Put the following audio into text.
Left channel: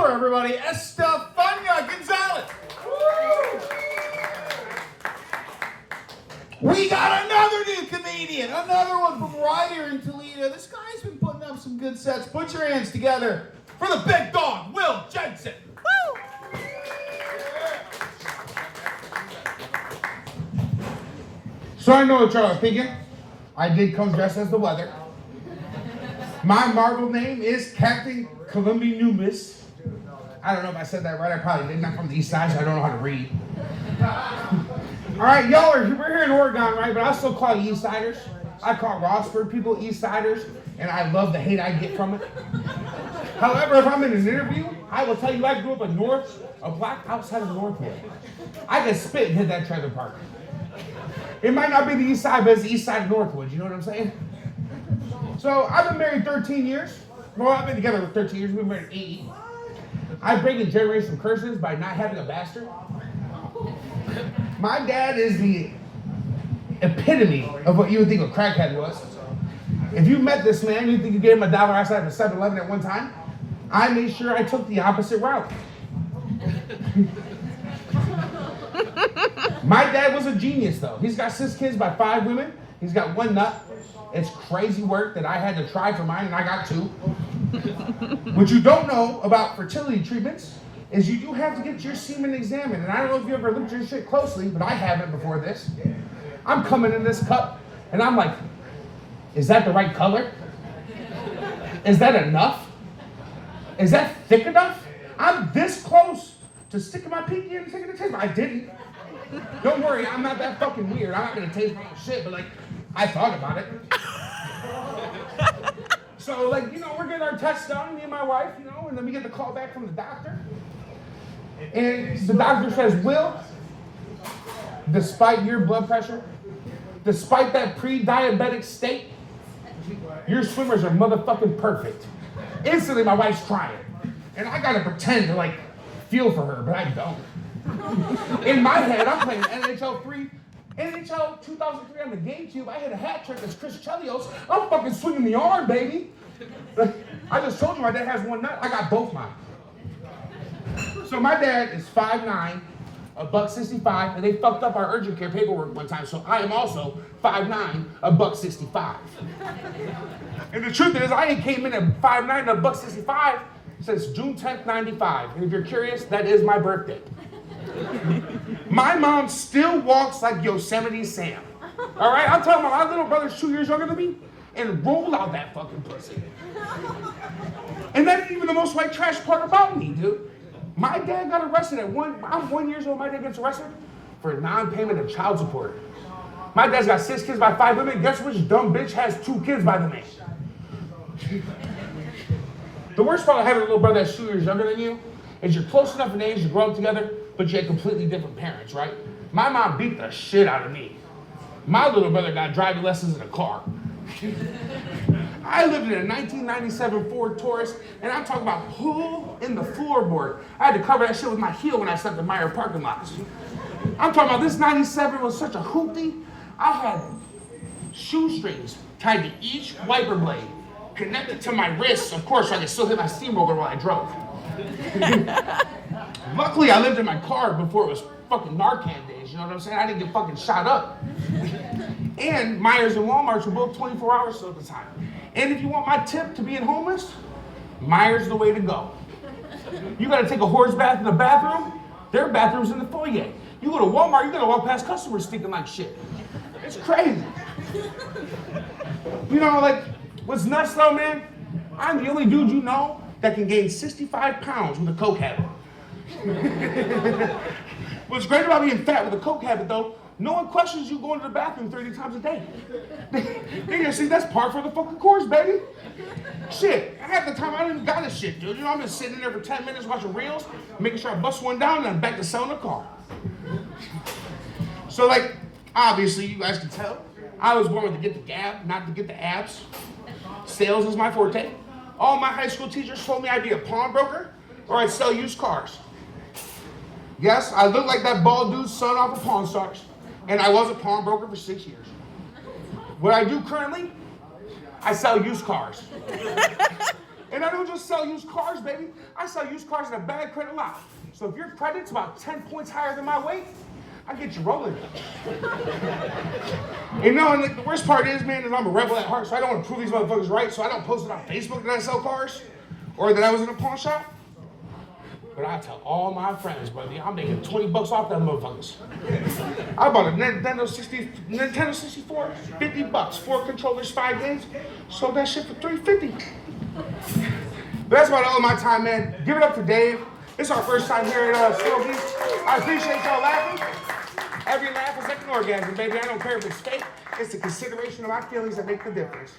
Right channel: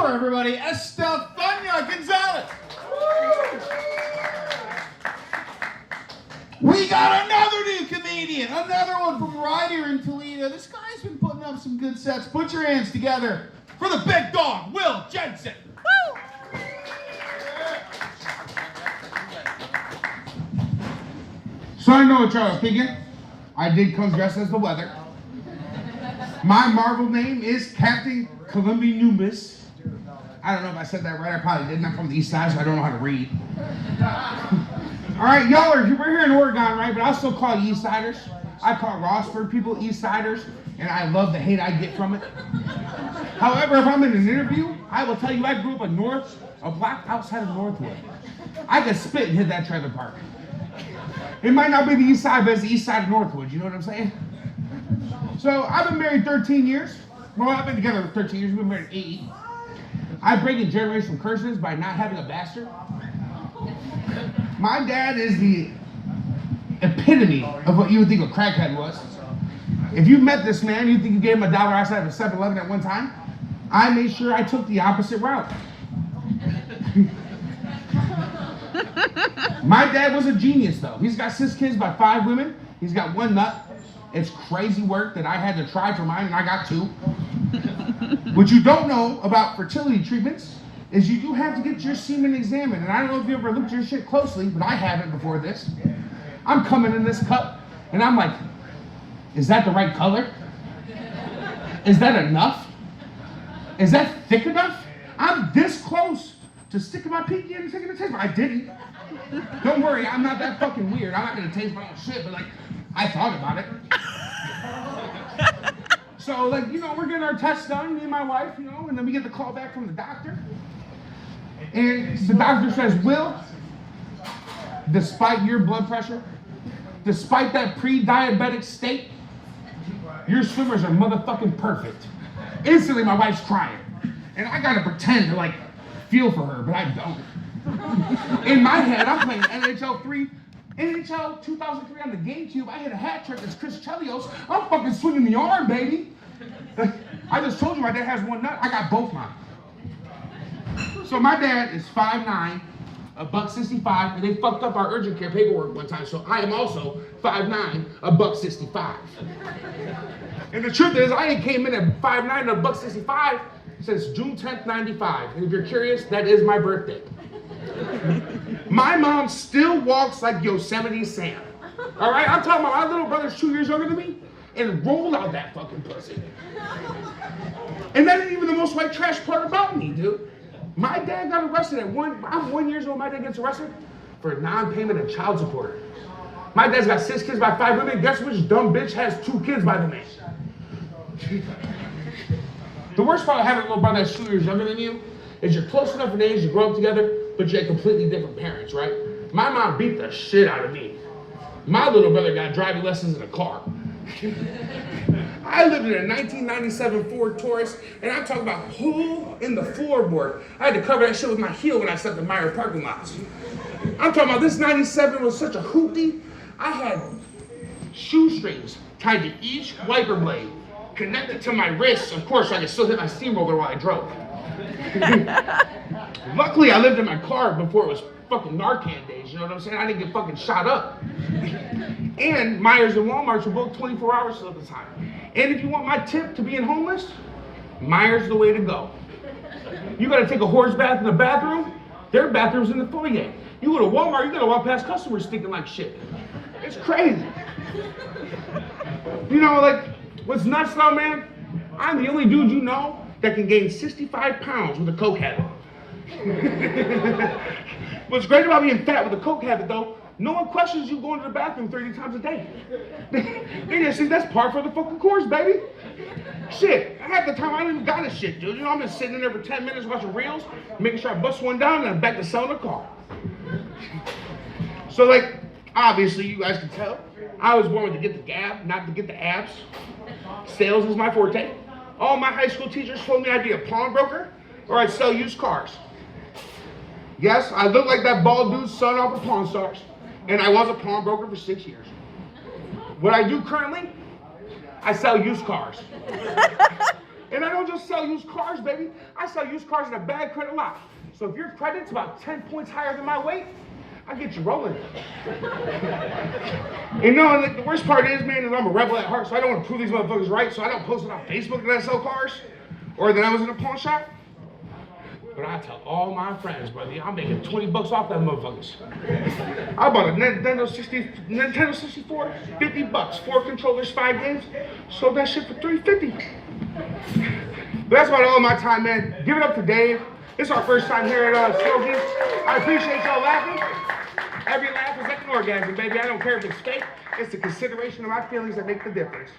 tour, everybody, Estefania Gonzalez. Woo! We got another new comedian, another one from right here in Toledo. This guy's been putting up some good sets. Put your hands together for the big dog, Will Jensen. Woo! So I know what y'all are thinking. I did come dressed as the weather. My Marvel name is Captain Columbia-Numis. I don't know if I said that right. I probably didn't. I'm from the east side, so I don't know how to read. All right, we're here in Oregon, right? But I still call you East Siders. I call Rossford people East Siders, and I love the hate I get from it. However, if I'm in an interview, I will tell you I grew up a block outside of Northwood. I can spit and hit that trailer park. It might not be the east side, but it's the east side of Northwood. You know what I'm saying? So I've been married 13 years. Well, I've been together for 13 years. We've been married 8. I've broken generational curses by not having a bastard. My dad is the epitome of what you would think a crackhead was. If you met this man, you think you gave him $1 outside of a 7-Eleven at one time? I made sure I took the opposite route. My dad was a genius, though. He's got 6 kids by 5 women. He's got 1 nut. It's crazy work that I had to try for mine, and I got 2. What you don't know about fertility treatments is you do have to get your semen examined. And I don't know if you ever looked at your shit closely, but I haven't before this. I'm coming in this cup, and I'm like, is that the right color? Is that enough? Is that thick enough? I'm this close to sticking my pinky in and taking a taste. I didn't. Don't worry, I'm not that fucking weird. I'm not gonna taste my own shit, but like, I thought about it. So like, we're getting our tests done, me and my wife, and then we get the call back from the doctor. And the doctor says, Will, despite your blood pressure, despite that pre-diabetic state, your swimmers are motherfucking perfect. Instantly, my wife's crying. And I gotta pretend to like, feel for her, but I don't. In my head, I'm playing NHL 2003 on the GameCube. I hit a hat trick as Chris Chelios. I'm fucking swinging the arm, baby. Like, I just told you my dad has 1 nut. I got both mine. So my dad is 5'9", $165, and they fucked up our urgent care paperwork one time. So I am also 5'9", $165. And the truth is, I came in at 5'9", $165 since June 10th, 95. And if you're curious, that is my birthday. My mom still walks like Yosemite Sam. All right, I'm talking about my little brother's 2 years younger than me, and roll out that fucking pussy. And that ain't even the most white trash part about me, dude. My dad got arrested I'm 1 year old. My dad gets arrested for non-payment of child support. My dad's got 6 kids by 5 women. Guess which dumb bitch has 2 kids by the man? The worst part of having a little brother that's 2 years younger than you is you're close enough in age to grow up together, but you had completely different parents, right? My mom beat the shit out of me. My little brother got driving lessons in a car. I lived in a 1997 Ford Taurus, and I'm talking about hole in the floorboard. I had to cover that shit with my heel when I stepped in Meyer parking lots. I'm talking about this 97 was such a hoopty. I had shoestrings tied to each wiper blade, connected to my wrists, of course, so I could still hit my steamroller while I drove. Luckily, I lived in my car before it was fucking Narcan days, you know what I'm saying? I didn't get fucking shot up. And Myers and Walmarts were both 24 hours at the time. And if you want my tip to being homeless, Myers is the way to go. You gotta take a horse bath in the bathroom, their bathroom's in the foyer. You go to Walmart, you gotta walk past customers stinking like shit. It's crazy. Like, what's nuts though, man? I'm the only dude you know that can gain 65 pounds with a coke habit. What's great about being fat with a coke habit, though, no one questions you going to the bathroom 30 times a day. They just say, that's par for the fucking course, baby. Shit, half the time I don't even got a shit, dude. I'm just sitting in there for 10 minutes watching reels, making sure I bust one down, and I'm back to selling the car. So, like, obviously, you guys can tell, I was born to get the gab, not to get the abs. Sales is my forte. All my high school teachers told me I'd be a pawnbroker or I'd sell used cars. Yes, I look like that bald dude's son off of Pawn Stars, and I was a pawnbroker for 6 years. What I do currently, I sell used cars. And I don't just sell used cars, baby. I sell used cars in a bad credit lot. So if your credit's about 10 points higher than my weight, I get you rolling. You know, and the worst part is, man, is I'm a rebel at heart, so I don't want to prove these motherfuckers right, so I don't post it on Facebook that I sell cars or that I was in a pawn shop. But I tell all my friends, buddy, I'm making 20 bucks off them motherfuckers. I bought a Nintendo 64, 50 bucks, 4 controllers, 5 games, sold that shit for $350. That's about all my time, man. Give it up to Dave. It's our first time here at Stogies. I appreciate y'all laughing. Every laugh is like an orgasm, baby. I don't care if it's fake. It's the consideration of my feelings that make the difference.